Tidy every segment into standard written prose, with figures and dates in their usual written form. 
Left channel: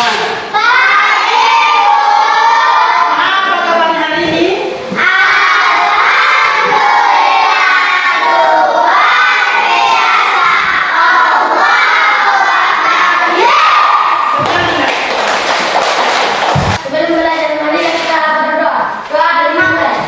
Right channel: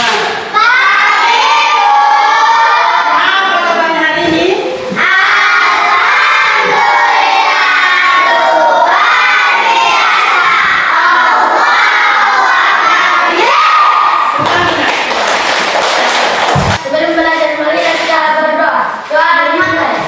semua? Apa kabar hari ini? Sebelum belajar, mari kita berdoa. Doa dimulai.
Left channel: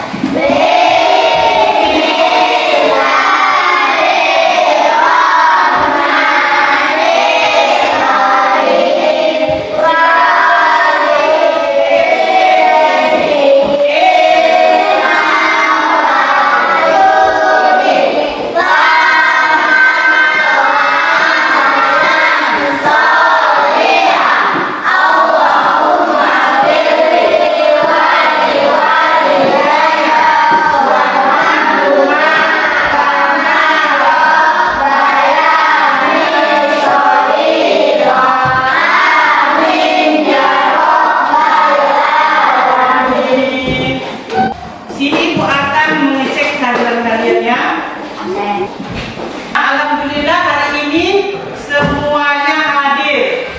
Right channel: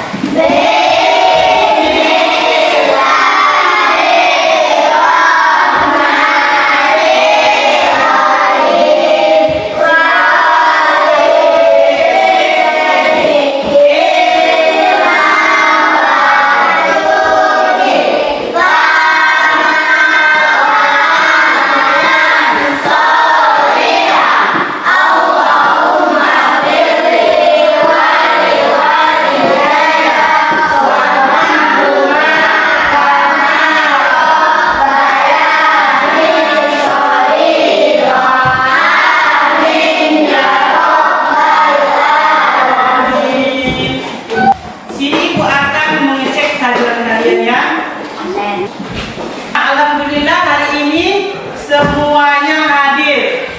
Sini Ibu akan mengecek kehadiran kalian ya. Alhamdulillah hari ini semuanya hadir.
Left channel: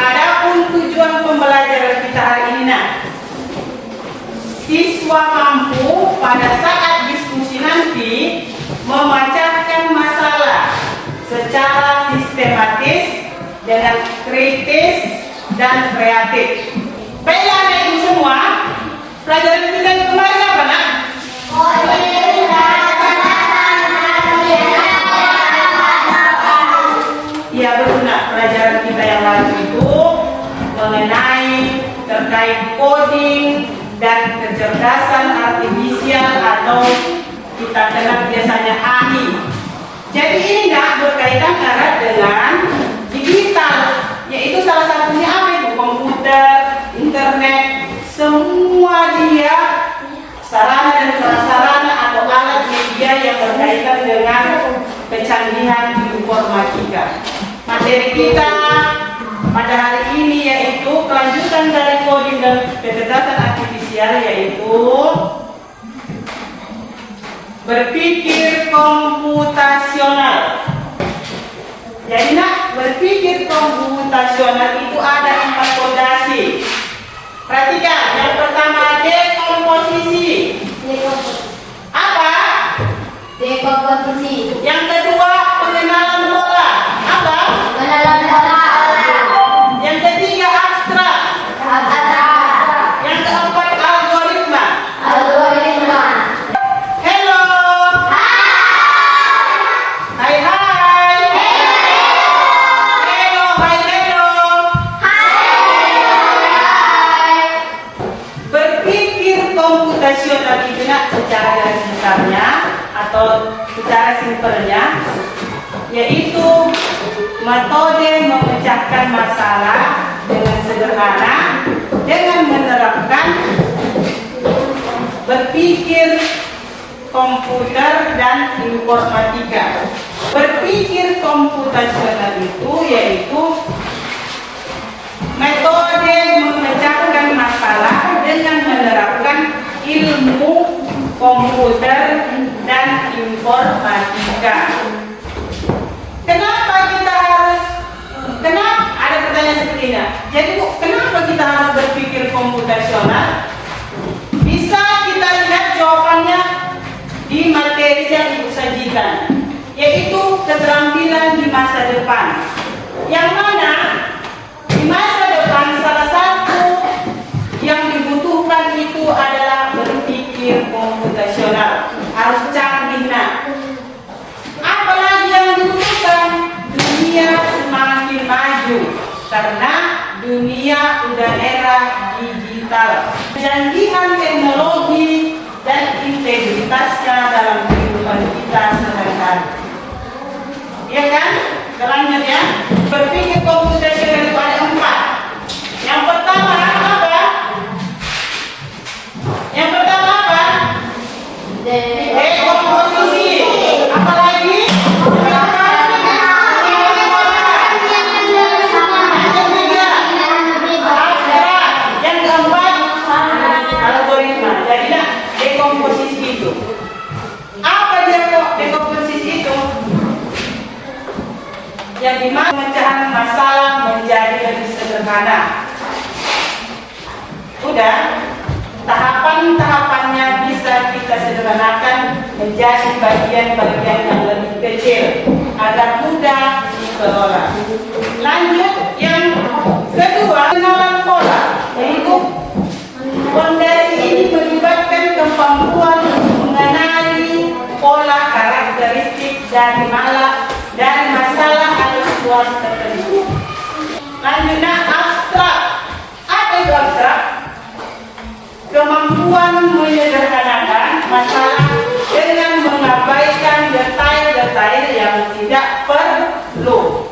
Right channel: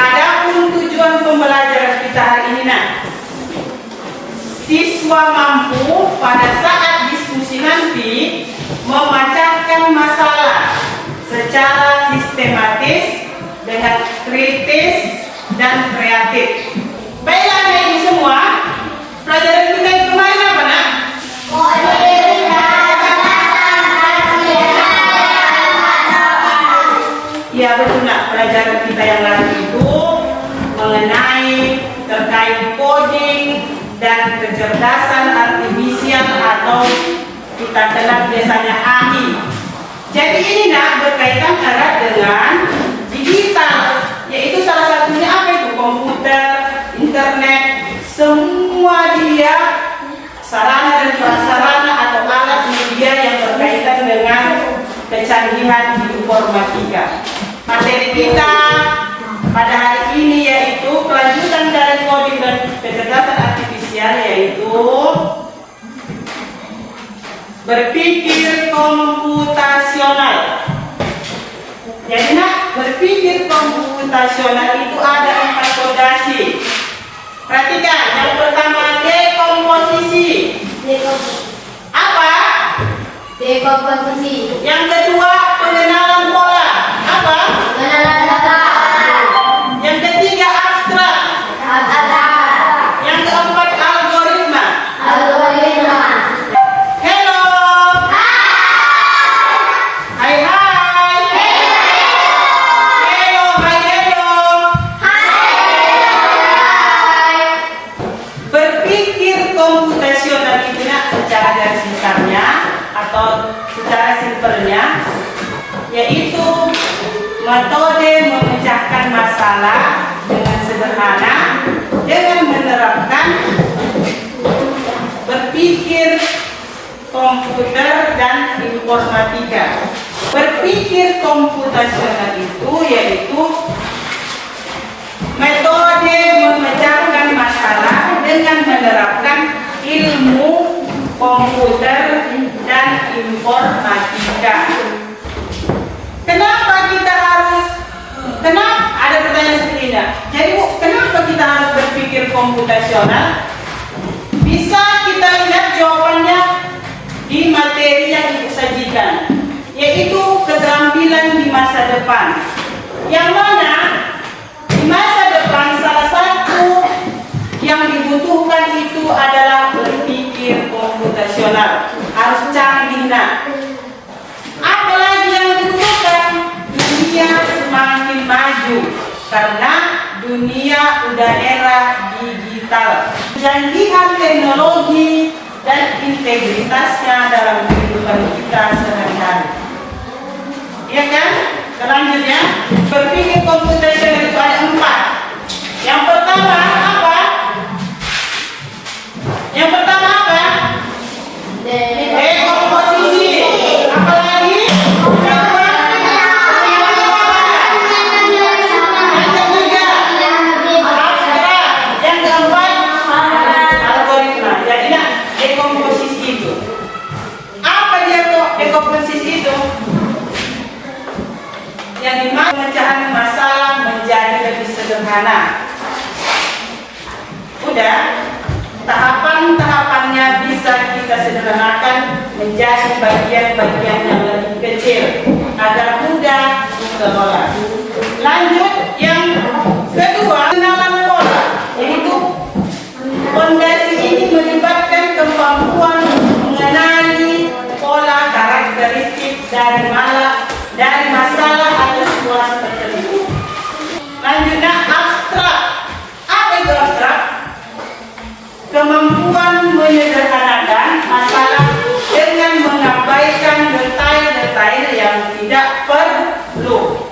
Adapun tujuan pembelajaran kita hari ini, siswa mampu pada saat diskusi nanti memecahkan masalah secara sistematis dengan kritis dan kreatif. Baiklah anak ibu semua, pelajaran kita yang kemarin apa nak? Ya betul nak, pelajaran kita yang lalu itu mengenai terkait coding dan kecerdasan artifisial atau kita kenal biasanya AI. Jadi ini nak berkaitan erat dengan digital, yaitu salah satunya apa itu? Komputer, internet, semua dia sarana dan prasarana atau alat media yang berkaitan dengan kecanggihan informatika. Materi kita pada hari ini yaitu kelanjutan dari coding dan kecerdasan artifisial, yaitu berpikir komputasional. Jadi nak, berpikir komputasional itu ada 4 fondasi. Perhatikan, yang pertama dekomposisi. Apa? Dekomposisi. Yang kedua pengenalan pola. Apa? Pengenalan pola. Yang ketiga abstrak. Yang keempat algoritma. Algoritma. Hello. Hai hai. Hello, hai hello. Berpikir komputasional itu nak secara garis besarnya atau secara simpelnya yaitu metode memecahkan masalah dengan sederhana dengan menerapkan berpikir komputer dan informatika. Berpikir komputasional itu yaitu metode memecahkan masalah dengan menerapkan ilmu komputer dan informatika. Kenapa ada pertanyaan seperti ini? Jadi Bu, kenapa kita harus berpikir komputasional? Bisa kita lihat jawabannya di materi yang Ibu sajikan, yaitu keterampilan di masa depan. Yang mana di masa depan salah satu yang dibutuhkan itu adalah berpikir komputasional. Harus canggih nak. karena dunia udah era digital. Kecanggihan teknologi dan integritasnya dalam kehidupan kita sehari-hari. Iya kan? Selanjutnya, berpikir komputasional itu ada 4. Yang pertama apa? Yang pertama apa? Dekomposisi. Apa lagi? Yang keempat, algoritma. Jadilah dekomposisi itu. Apa dia tuh dekomposisi itu? Yang dimana pemecahan masalah menjadi lebih sederhana. Udah, tahapan-tahapannya bisa kita sederhanakan menjadi bagian-bagian yang lebih kecil agar mudah dikelola. Lanjut, yang kedua, pengenalan pola, yaitu fondasi ini melibatkan kemampuan mengenali pola karakteristik dari masalah atau situasi tertentu. Lanjutnya, abstrak. Apa itu abstrak? Kemampuan menyederhanakan masalah dengan mengabaikan detail-detail yang tidak perlu.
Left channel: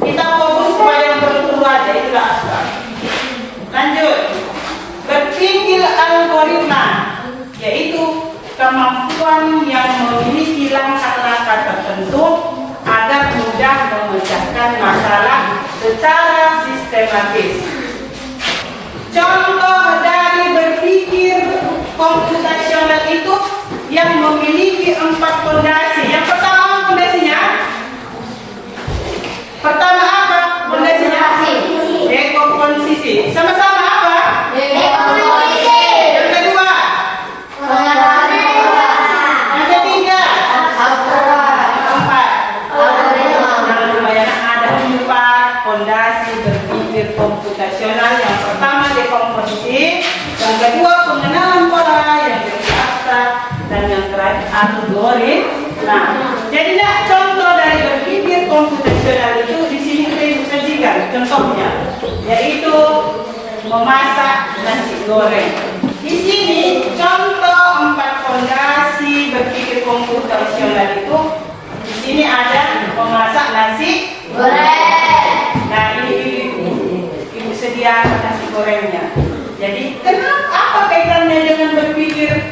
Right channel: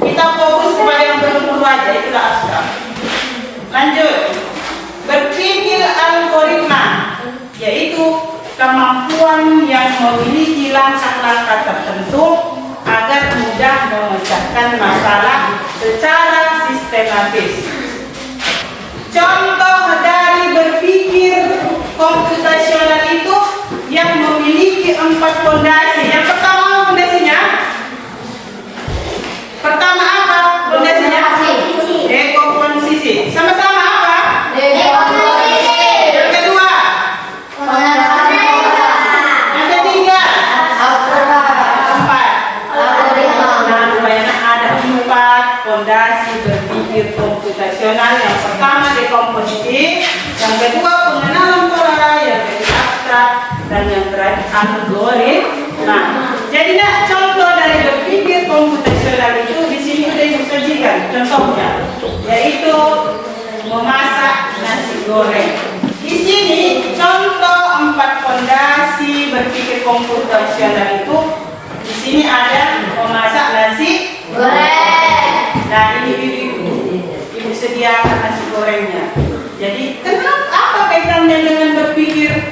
Kita fokus pada yang perlu aja, itulah abstrak. Lanjut, berpikir algoritma, yaitu kemampuan yang memiliki langkah-langkah tertentu agar mudah memecahkan masalah secara sistematis. Contoh dari berpikir komputasional itu yang memiliki 4 fondasi. Yang pertama fondasinya, pertama apa fondasinya? Dekomposisi. Sama-sama apa? Dekomposisi. Yang kedua, yang ketiga, keempat. Nah, lumayan ada 4 fondasi berpikir komputasional. Yang pertama dekomposisi, yang kedua pengenalan pola, yang ketiga abstrak, dan yang terakhir algoritma. Nah, jadilah contoh dari berpikir komputasional itu di sini sudah disajikan contohnya, yaitu memasak nasi goreng. Di sini contoh 4 fondasi berpikir komputasional itu. Di sini ada memasak nasi Goreng. Nah, ini ibu sedia nasi gorengnya. Jadi apa kaitannya dengan berpikir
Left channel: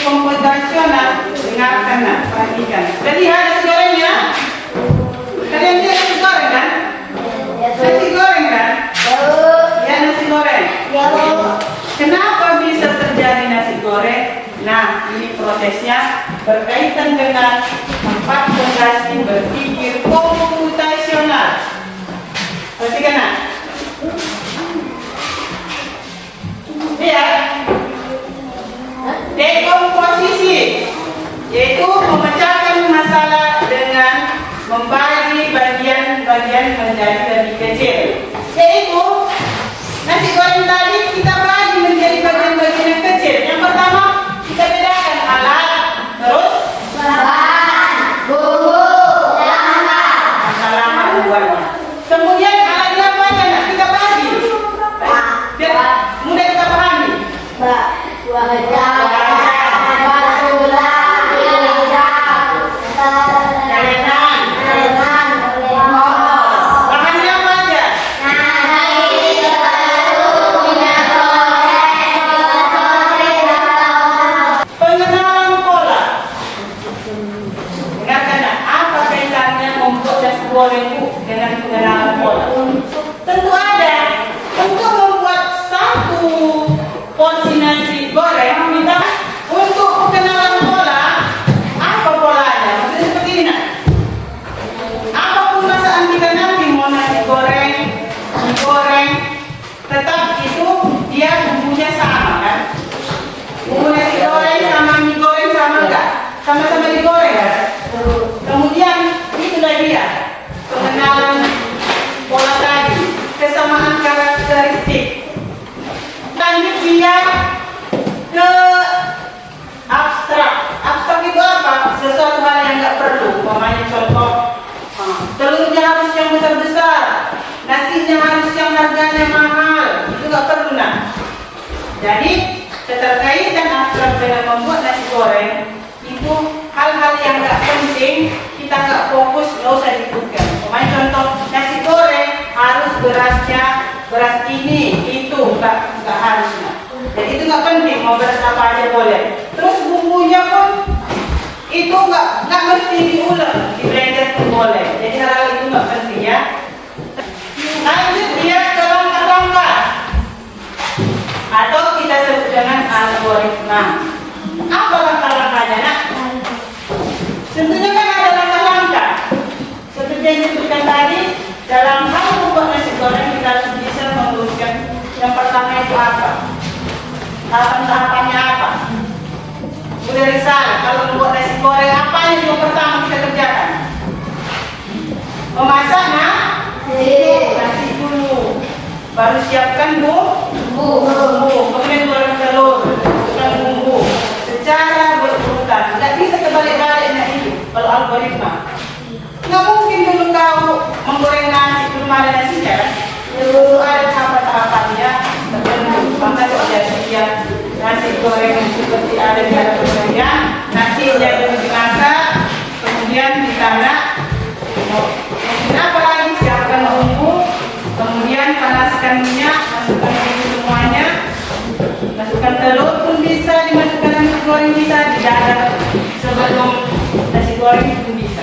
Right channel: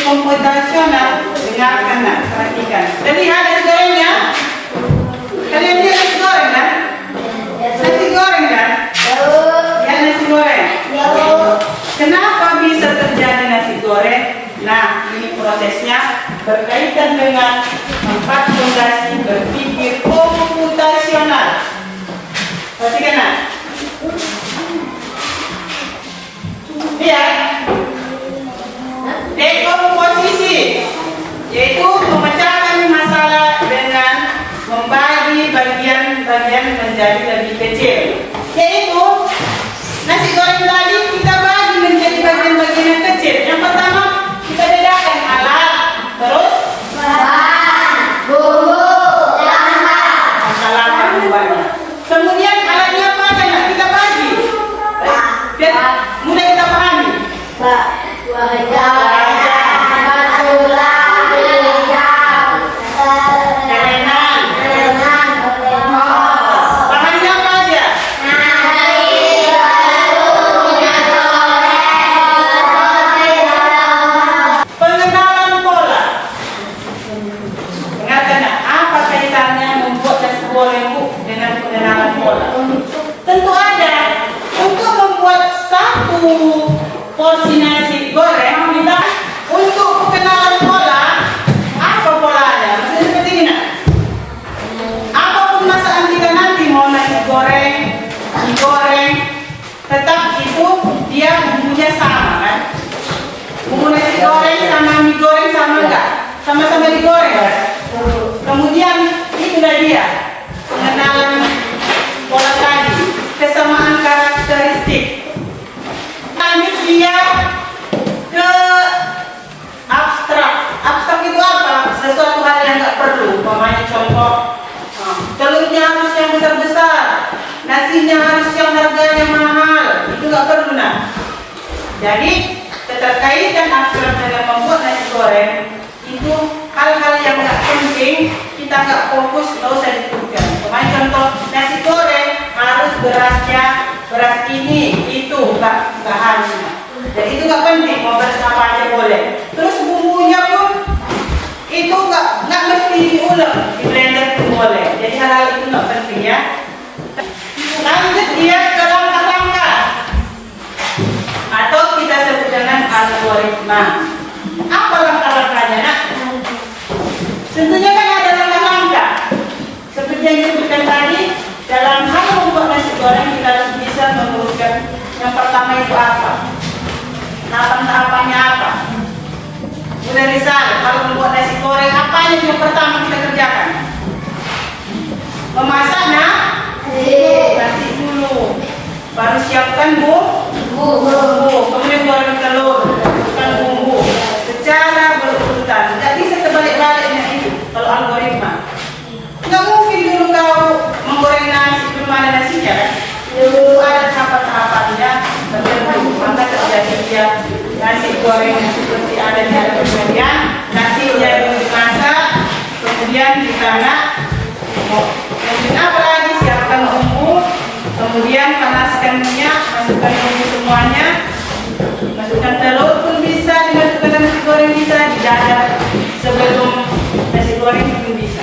komputasional? Dengarkan, nah, perhatikan. Kita lihat nasi gorengnya. Kalian lihat nasi goreng kan? Nasi goreng kan? Ya, nasi goreng. Kenapa bisa terjadi nasi goreng? Nah, ini prosesnya berkaitan dengan 4 fondasi berpikir komputasional. Perhatikan, nah. Lihat. Dekomposisi, yaitu memecahkan masalah dengan membagi bagian-bagian menjadi lebih kecil. Yaitu nasi goreng tadi kita bagi menjadi bagian-bagian yang kecil. Yang pertama kita bedakan alat, terus langkah membuatnya. Kemudian alatnya apa aja nak kita bagi biar mudah kita pahami. Bahannya apa aja? Pengenalan pola. Dengarkan, nak, apa kaitannya membuat nasi goreng dengan pengenalan pola? Tentu ada. Untuk membuat satu porsi nasi goreng, kita untuk pengenalan pola. Apa polanya? Maksudnya seperti ini, nak. Apapun masakan kita nanti, mau nasi goreng, mie goreng, tetap itu dia bumbunya sama kan? Bumbu nasi goreng sama mie goreng sama enggak? Sama-sama digoreng kan? Kemudian itulah dia pengenalan pola tadi, kesamaan karakteristik. Lanjut dia ke abstrak. Abstrak itu apa? Sesuatu hal yang nggak perlu. Umpamanya contoh, telurnya harus yang besar-besar, nasinya harus yang harganya mahal, itu nggak perlu nak. Jadi keterkaitan akrab dengan membuat nasi goreng itu hal-hal yang nggak penting, kita nggak fokus, nggak usah disebutkan. Pemain contoh nasi goreng harus berasnya beras ini, itu nggak harus. Jadi itu nggak penting, mau beras apa aja boleh. Terus bumbunya pun itu nggak mesti diulek, di blender pun boleh. Jadi hal-hal itu nggak penting ya. Lanjut dia ke langkah-langkah atau kita sebut dengan algoritma. Apa langkah-langkahnya nak? Tentunya kan ada langkah-langkah. Seperti yang disebutkan tadi, dalam hal membuat nasi goreng kita harus bisa meluruskan yang pertama itu apa? Tahapan-tahapannya apa? Sudah Rizal, kalau membuat nasi goreng apa yang pertama kita kerjakan? Memasak nasi dulu, baru siapkan bumbu, kemudian goreng telur, masukkan bumbu secara berurutan. Tidak bisa terbalik-baliknya ini kalau algoritma. Nggak mungkin dulu kau menggoreng nasi belum ada nasinya kan? Dulu ada tahap-tahapannya tertentu. Maka terjadi dia nasi goreng seperti ada di dalam pemberian, nasi dulu dimasak, kemudian ditanak. Kemudian apa lagi? Siapkan bumbu, kemudian panaskan minyak, masukkan bumbu semuanya, masukkan telur pun bisa, dimasukkan nasi goreng bisa, didadar sebelum nasi goreng pun bisa.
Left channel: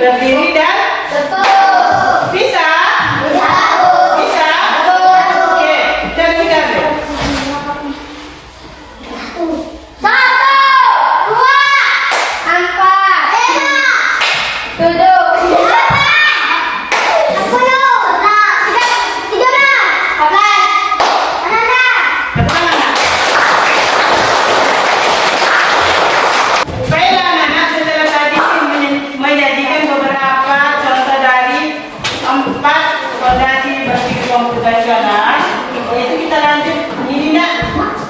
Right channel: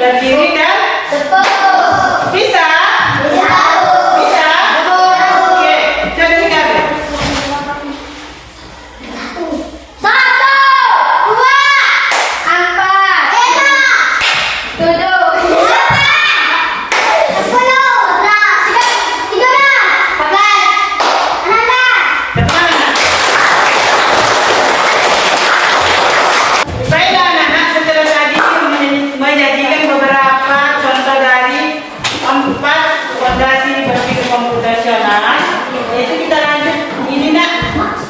Berdiri dan bisa? Bisa? Oke, coba dikali. 1, 2, 4, 5, 6, 7, 8, 9, 10. Baiklah anak-anak, setelah tadi menyajikan beberapa contoh dari 4 fondasi berpikir komputasional, yaitu kita lanjut. Ini nak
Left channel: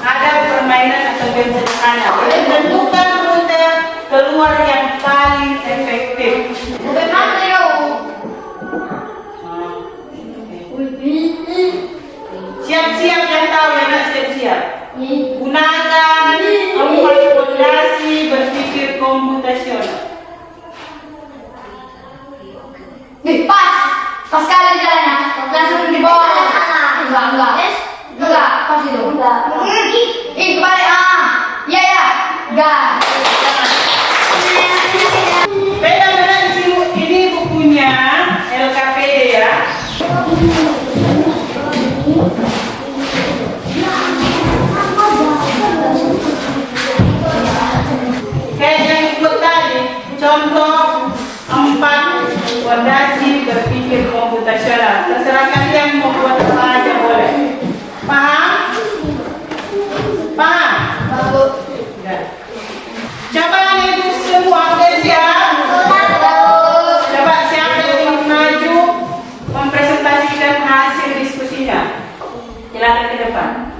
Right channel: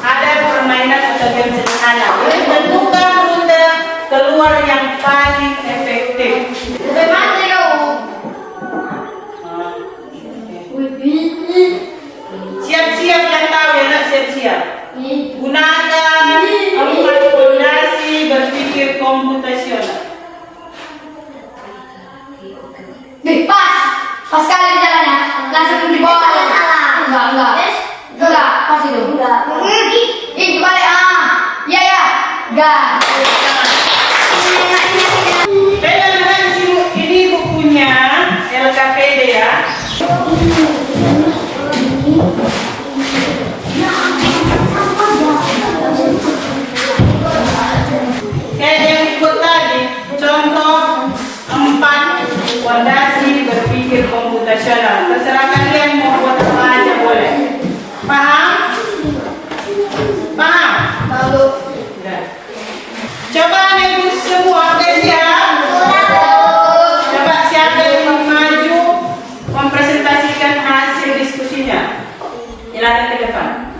ada permainan atau game sederhana. Jadi tentukan rute keluar yang paling efektif. Bagaimana ya? Siap-siap yang tahu ya nak, siap-siap. Gunakan 4 fondasi berpikir komputasional. Enggak. Pegang anak ini bukunya LKPD ya. Kayak yang ikut tadi, contoh 4 fondasi berpikir komputasional. Terserah kalian mau buat apa aja boleh. Paham? Paham? Baru. Coba ibu semua udah siap? Coba siapa yang ingin maju mempresentasikan hasil diskusinya? Silakan ke depan.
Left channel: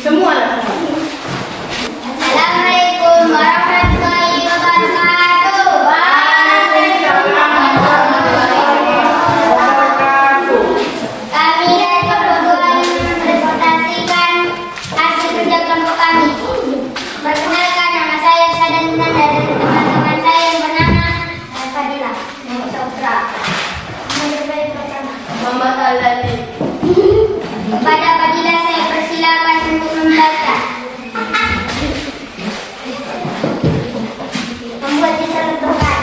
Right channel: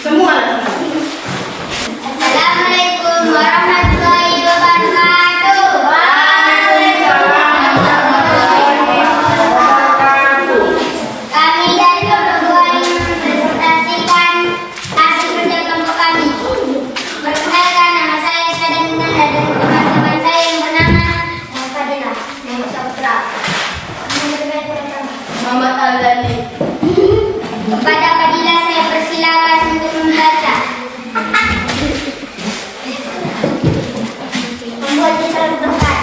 Semua lah semua. Assalamualaikum warahmatullahi wabarakatuh. Kami dari kelompok 2 mempresentasikan hasil kerja kelompok kami. Perkenalkan, nama saya Syadana dan teman-teman saya yang bernama Fadila, Muhammad Saputra, Muhammad Al-Dali. Kepada Fadila saya persilakan untuk membaca. Membuat disertakan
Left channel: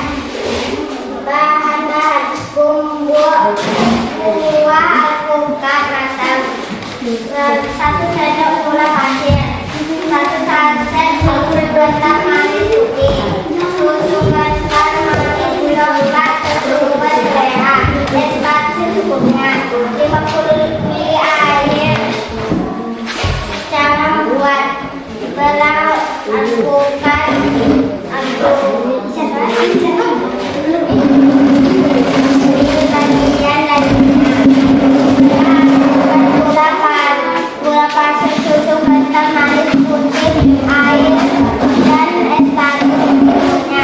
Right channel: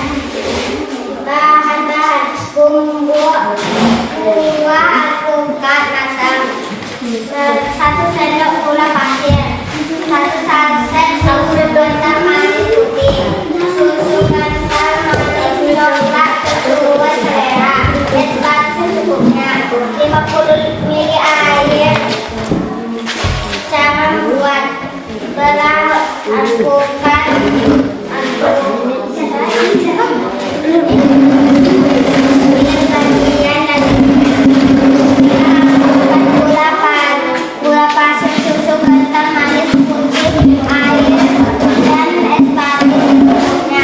bahan-bahan buah alpukat matang, 1 sendok gula pasir, 1 saset susu kental manis putih, susu kental manis coklat sesuai selera, es batu secukupnya, 50 ml air. Cara membuat: belah alpukat, gula pasir, susu kental manis putih, air, dan es batu secukupnya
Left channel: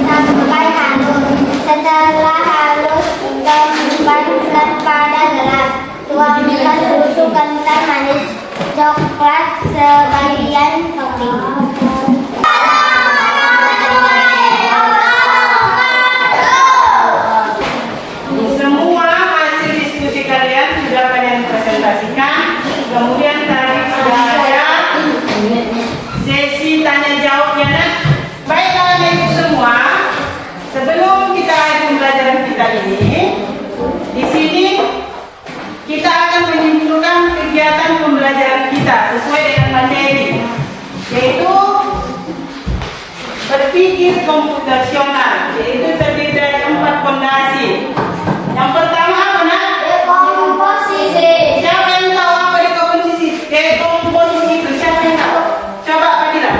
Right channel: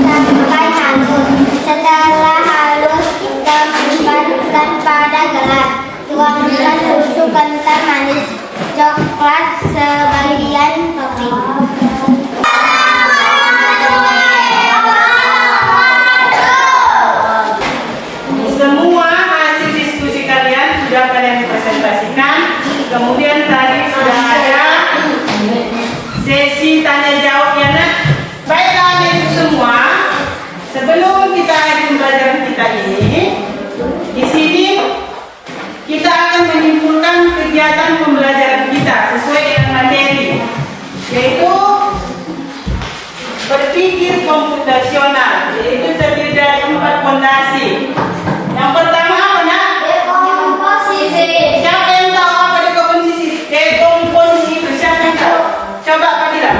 sampai halus. Setelah halus, tempatkan pada gelas. Tuangkan susu kental manis coklat sebagian topping. Semua hasil diskusi kalian sudah kalian presentasikan. Kemudian tadi sudah ada sesi tanya jawabnya. Nah, baiklah Anak Ibu semua, sebelum kita adu pelajaran kita ini, di sini kita akan menyimpulkan kegiatan pembelajaran kita sesuai dengan materi, yaitu berpikir komputasional, yaitu terdiri dari 4 fondasi. Yang pertama apa nak? Dekomposisi. Siapa yang tahu apa dekomposisi? Dekomposisi itu siapa yang tahu? Coba Fadila.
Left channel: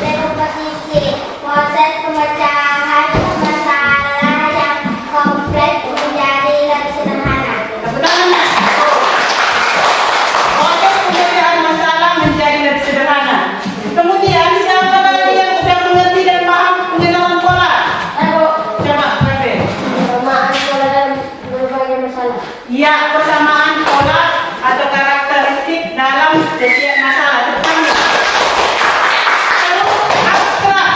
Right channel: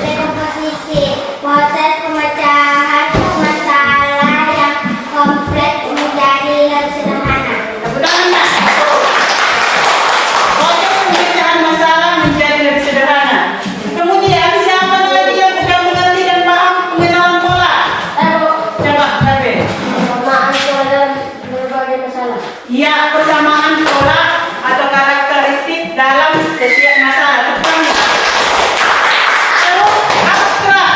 Dekomposisi, proses pemecahan masalah yang kompleks menjadi yang sederhana. Tepuk tangan nak. Proses pemecahan masalah menjadi lebih sederhana. Kemudian siapa lagi yang sudah mengerti dan paham pengenalan pola? Coba Kabe. Persamaan pola dan berbagai masalah. Ya, persamaan pola atau karakteristik dalam setiap masalah. Pertama, abstrak.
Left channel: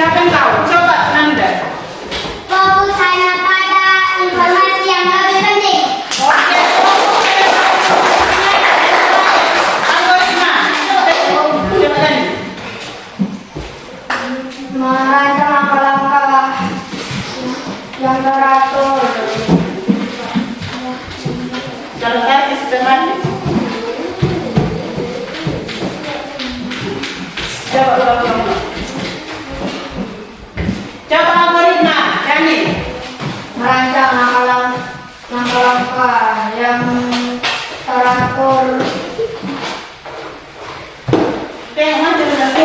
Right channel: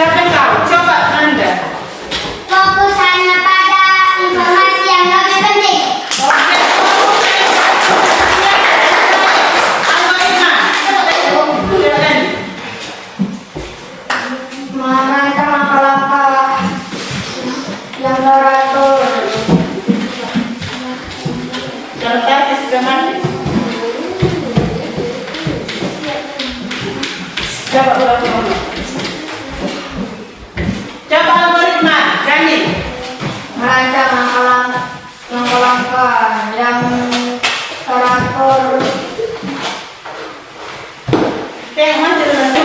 Siapa yang tahu? Coba Anda. Fokus hanya pada informasi yang lebih penting. Oke. Algoritma. Silakan. Merancang langkah-langkah yang teratur. Contoh sistematis. Coba ulang. Coba algoritma. Kami. Merancang langkah-langkah yang teratur. Oke, masih tentu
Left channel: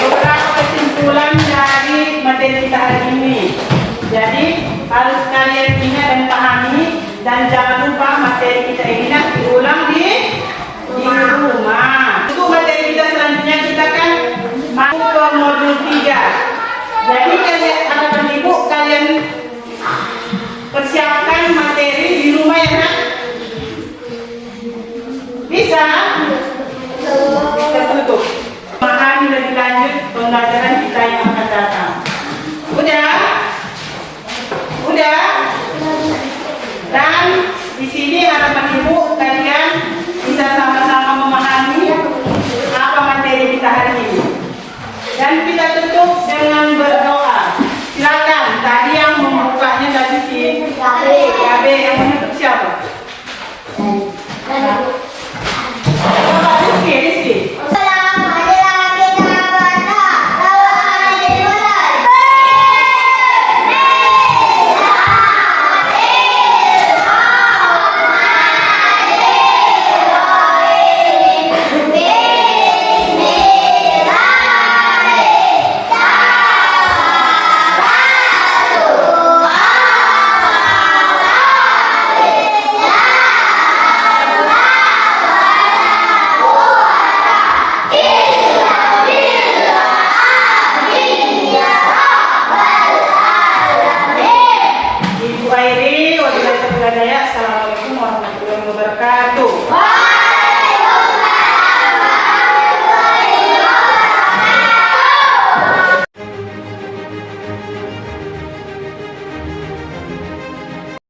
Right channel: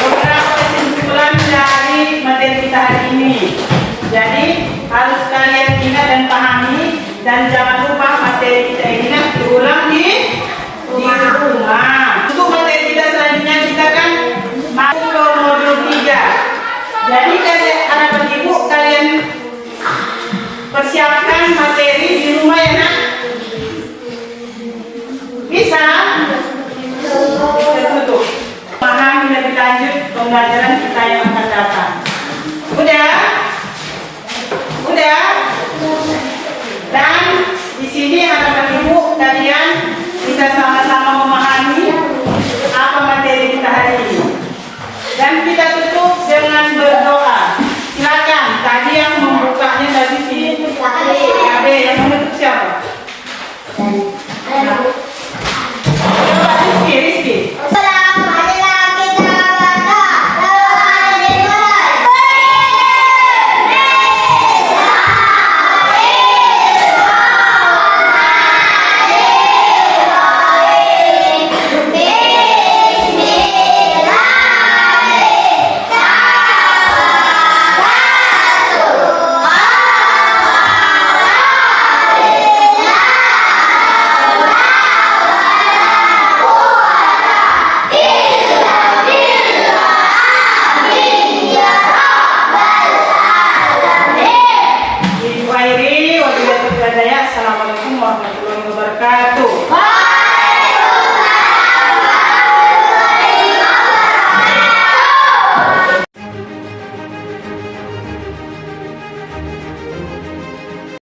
beberapa kesimpulan dari materi kita hari ini. Jadi harus kalian ingat dan pahami, dan jangan lupa